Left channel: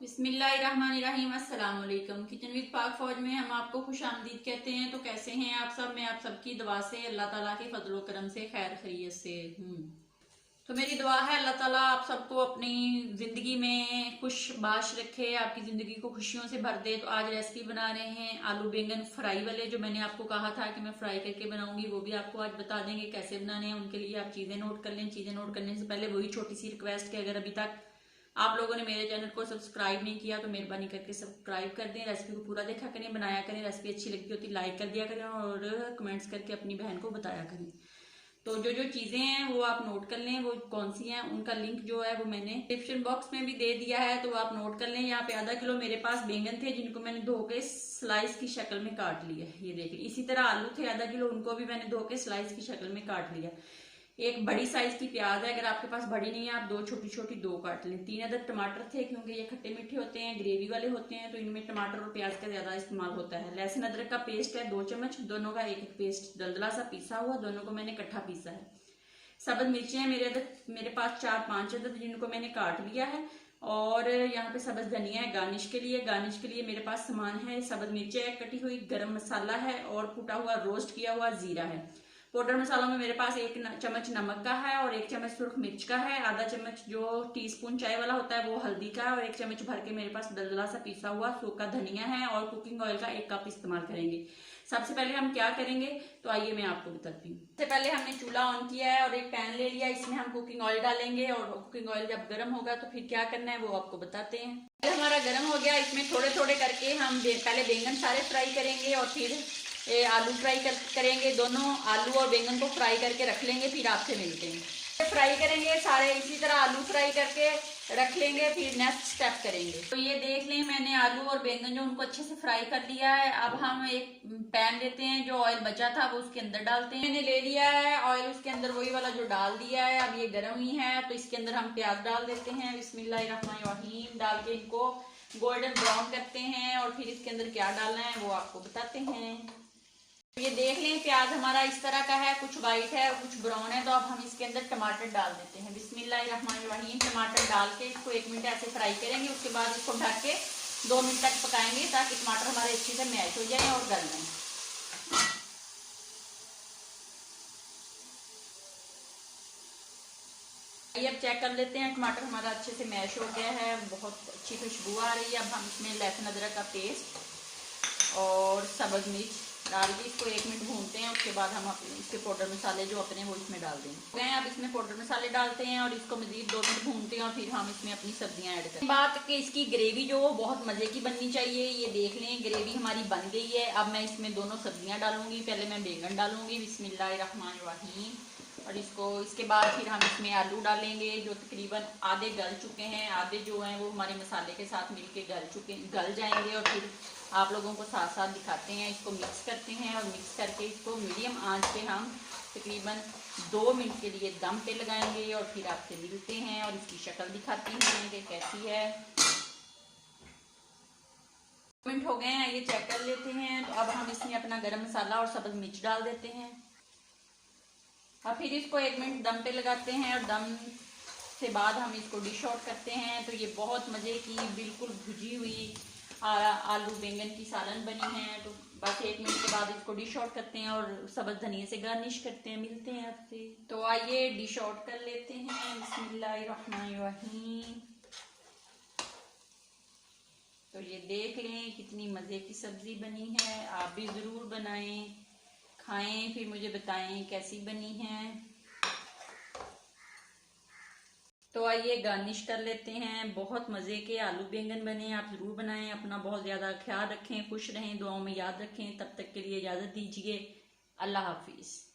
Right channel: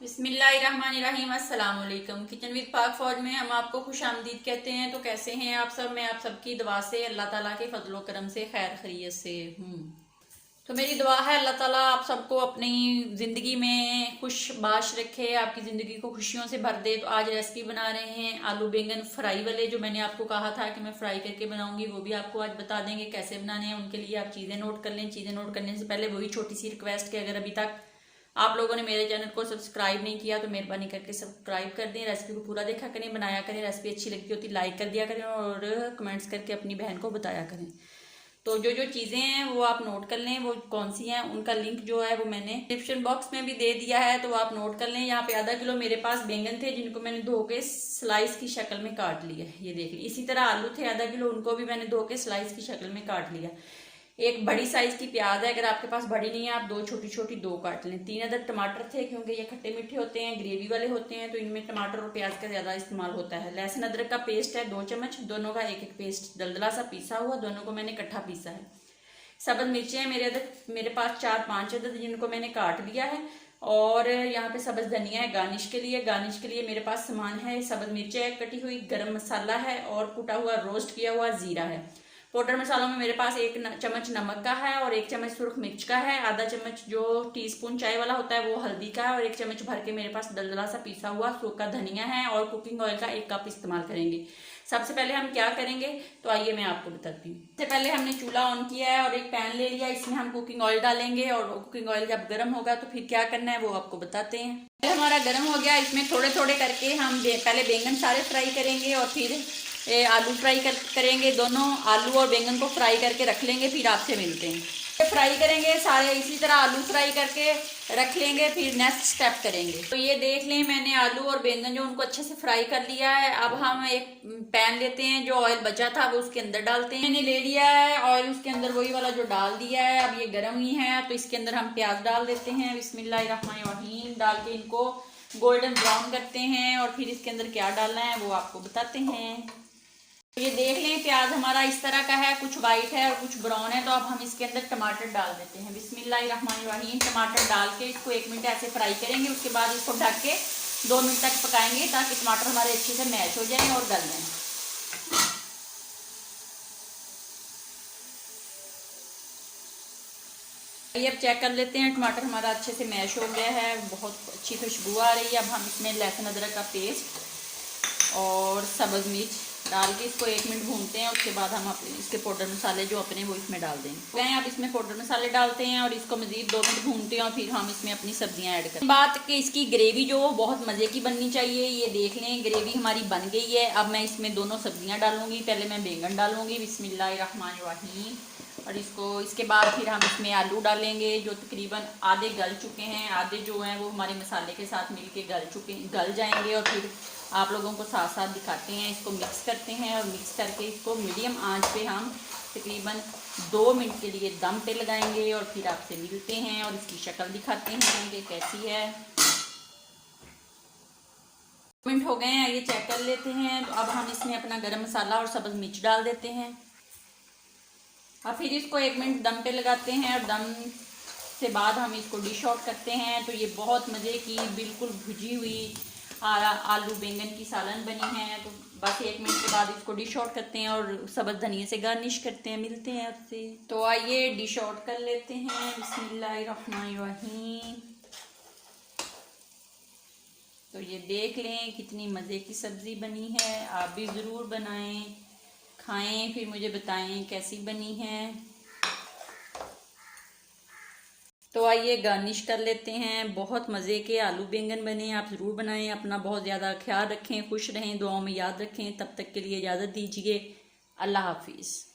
बिस्मिल्लाहिर्रहमानिर्रहीम। अस्सलाम वालेकुम। किचन विद पाक फौज में हम आपको खुश आमदीद कहते हैं। तो कैसे हैं आप सब? मैं आप सबकी दुआ से अल्लाह ताला के फजलो करम से खैर खैरियत से हूँ। तो मेरी दुआ है अल्लाह ताला आप सबको अपनी ज़िंदगी में खुश बाश रखे, आपकी ज़िंदगी को खुशियों से भर दे। तो आज रेसिपी बना रहे हैं आलू बैंगन फ्राई वाले, जो मैंने आपको कहा था कि मैं फ्राई करके बनाऊंगी, वो भी आपको आज बता देंगे कैसे बनाने हैं। उनके लिए आप चीज़ें नोट कर लें। चीज़ें नोट करने से पहले वही छोटी सी रिक्वेस्ट कि अगर अभी तक आप लोगों ने मेरे चैनल को सब्सक्राइब नहीं किया तो मेहरबानी करके सब्सक्राइब कर दें। रेसिपी को पूरा देखा करें, बनाया करें। रेसिपी अच्छी लगती होती लाइक कर दिया करें और कमेंट्स करके अपनी बहन को बताया करें। तो जो जो चीज़ें हैं वो आप नोट कर लें, वो कौन सी हैं उनका लिंक जो है वो मैंने डिस्क्रिप्शन बॉक्स में भी दे दिया है, तो आप नोट कर लें। यहाँ पे आधा किलो मेरे पास बैंगन थे जिनको मैंने धो के स्लाइस की शक्ल में काट लिया, ये देख लीजिए। इसी तरह आलू थे आधा किलो, उनको भी मैंने धो के स्लाइस की शक्ल में काट लिया। एक बड़ी साइज की प्याज है, अगर आपके पास बड़ी नहीं है आप दो छोटी छोटी दो काट लें। 3 अदद टमाटर थे, क्योंकि ये खट्टे मीठे होते हैं, ग्रेवी वाले होते हैं, तो इनमें टमाटर और प्याज का ज्यादा इस्तेमाल होता है। लहसुन अदरक का पेस्ट है 2 चम्मच, दोनों का एक एक पेस्ट दलदला सा पीसा हुआ, दोनों को मैंने इकट्ठा पीसा है। सब्ज मिर्चें हैं मेरे पास 4-5 अदद, जिनको मैंने काट लिया है। और यहाँ पे सब्ज धनिया है गार्निश के लिए। गार्निश के लिए मेरे पास सामान है, सब्ज मिर्चें है कटी हुई, गरम मसाला है और कुटा हुआ रोस्ट किया हुआ जीरा है। पाउडर मसालों में मेरे पास 1 चम्मच नमक का है और 1 चम्मच सुरख मिर्च का है। आधा चम्मच जो टीस्पून चाय वाला होता है वो हल्दी का है और 1 चम्मच भर के मेरे पास दलदला सा पीसा हुआ सूखा धनिया है। और कुकिंग ऑयल का 1 कप इस्तेमाल करेंगे। सबसे पहले हम क्या करेंगे तो आइए मैं आपको बताती हूँ। सबसे पहले हमने चूल्हा ऑन किया है और एक पैन ले लिया, इसमें हम कुकिंग ऑयल डालेंगे। और कुकिंग ऑयल जब गर्म होगा तो फिर क्या करना है वो आपको बताते हैं। पहले हमारा गर्म हो गया, इसमें थोड़े थोड़े करके हम पहले बैंगन सारे फ्राई करेंगे और फिर आलू फ्राई करेंगे। दोनों आलू और बैंगन को फ्राई करके रख लेंगे, फिर आपसे मिलते हैं। फ्राई करेंगे सारे, इसी तरह आलू फ्राई करके रख लेंगे, फिर नेक्स्ट स्टेप करेंगे। तो ये देख लें मैंने आलू और बैंगन जो उनको अच्छे से फ्राई कर लिया है। अब हम एक पैन लेते हैं, जो ऑयल बचा था वो उसके अंदर डालते हैं। मैंने ले लिया है ऑयल, उसके अंदर वही वाला जो डाल दिया है। अब ये गर्म ही है तो इसके अंदर हम प्याज डाल देते हैं। बिस्मिल्लाहिर्रहमानिर्रहीम डाल के इनको गोल्डन ब्राउन करते हैं और फिर इसके अंदर क्या डालना है वो आपको बताते हैं। ये देख लें प्याज हमारा इस तरह का है, कुछ वाइट है और कुछ ब्राउन है। तो अब हम इसके अंदर टमाटर डाल देते हैं। बिस्मिल्लाहिर्रहमानिर्रहीम टमाटर डाल के इसको 1 मिनट ऐसे फ्राई करेंगे। उसके बाद इसको ढक के 2 मिनट तक पकाएंगे ताकि टमाटर हमारे अच्छे से मैश हो जाए और गल जाए। ये अब चेक कर लेते हैं, टमाटर हमारा अच्छे से मैश हो गया है, बहुत अच्छी खुशबू आ रही है। अब हम इसमें लहसुन अदरक का पेस्ट और सब्ज मिर्च डाल के इसको 1 मिनट भूनते हैं। उसके बाद हम इसके पाउडर मसाले जो अपने वो इसमें डाल देंगे। अब इसमें पाउडर मसाले डालते हैं और इसको मजीद 2 मिनट भूनते हैं और फिर हम इसमें अपनी सब्जियां ऐड करते हैं। बात कि इसकी ग्रेवी जो बहुत मज़े की बननी चाहिए। ये देख लें ग्रेवी हमारी बन गई है। अब मैं इसमें दोनों सब्जियां डालूंगी। पहले मैं बैंगन डालूंगी बिस्मिल्लाहिर्रहमानिर्रहीम, और इसके बाद फिर हम इसमें आलू डालेंगे जो तकरीबन आधे गल चुके हैं, आधे जो हैं वो हमारे मसाले के साथ मिलके गल जाएंगे। और फिर आप लोगों को साथ साथ दिखाते हैं, इसको मिक्स करते हैं और मिक्स करके इसको मीडियम आंच पे हम तकरीबन 2 मिनट के लिए दम पे लगाएंगे और फिर आपसे मिलते हैं और इसकी शक्ल दिखाते हैं कि कैसी है। 2 मिनट हो गए हैं, ये चेक कर लेते हैं। तो अब हम इसमें अपना गरम मसाला और सब्ज मिर्च डाल देते हैं और फिर इसको 1 मिनट दम पे लगाते हैं। और दम से बाद हम इसको डिश आउट करते हैं। तो ये बहुत मज़े की बिल्कुल भुजी हुई आलू बैंगन की सालन बनी है। तो बस 1 मिनट के बाद इसको डिश आउट करते हैं और सब्ज़ धनिया से गार्निश करते हैं। मिलते हैं आपसे। तो आइए डिश आउट कर लेते हैं। बिस्मिल्लाहिर्रहमानिर्रहीम। तो ये देख लें कितनी मज़े की सब्ज़ी बनी है। आप भी ज़रूर बनाएं, खाएं, फिर मुझे बताएं कैसी बनी है। तो आइए गार्निश कर लेते हैं। बहुत मज़े के आलू बैंगन बने, आप ज़रूर बनाएं। अपना बहुत ज़्यादा ख्याल रखें, खुश रहें, दुआओं में याद रखें। तब तक के लिए इजाज़त दीजिए। अल्लाह हाफिज़।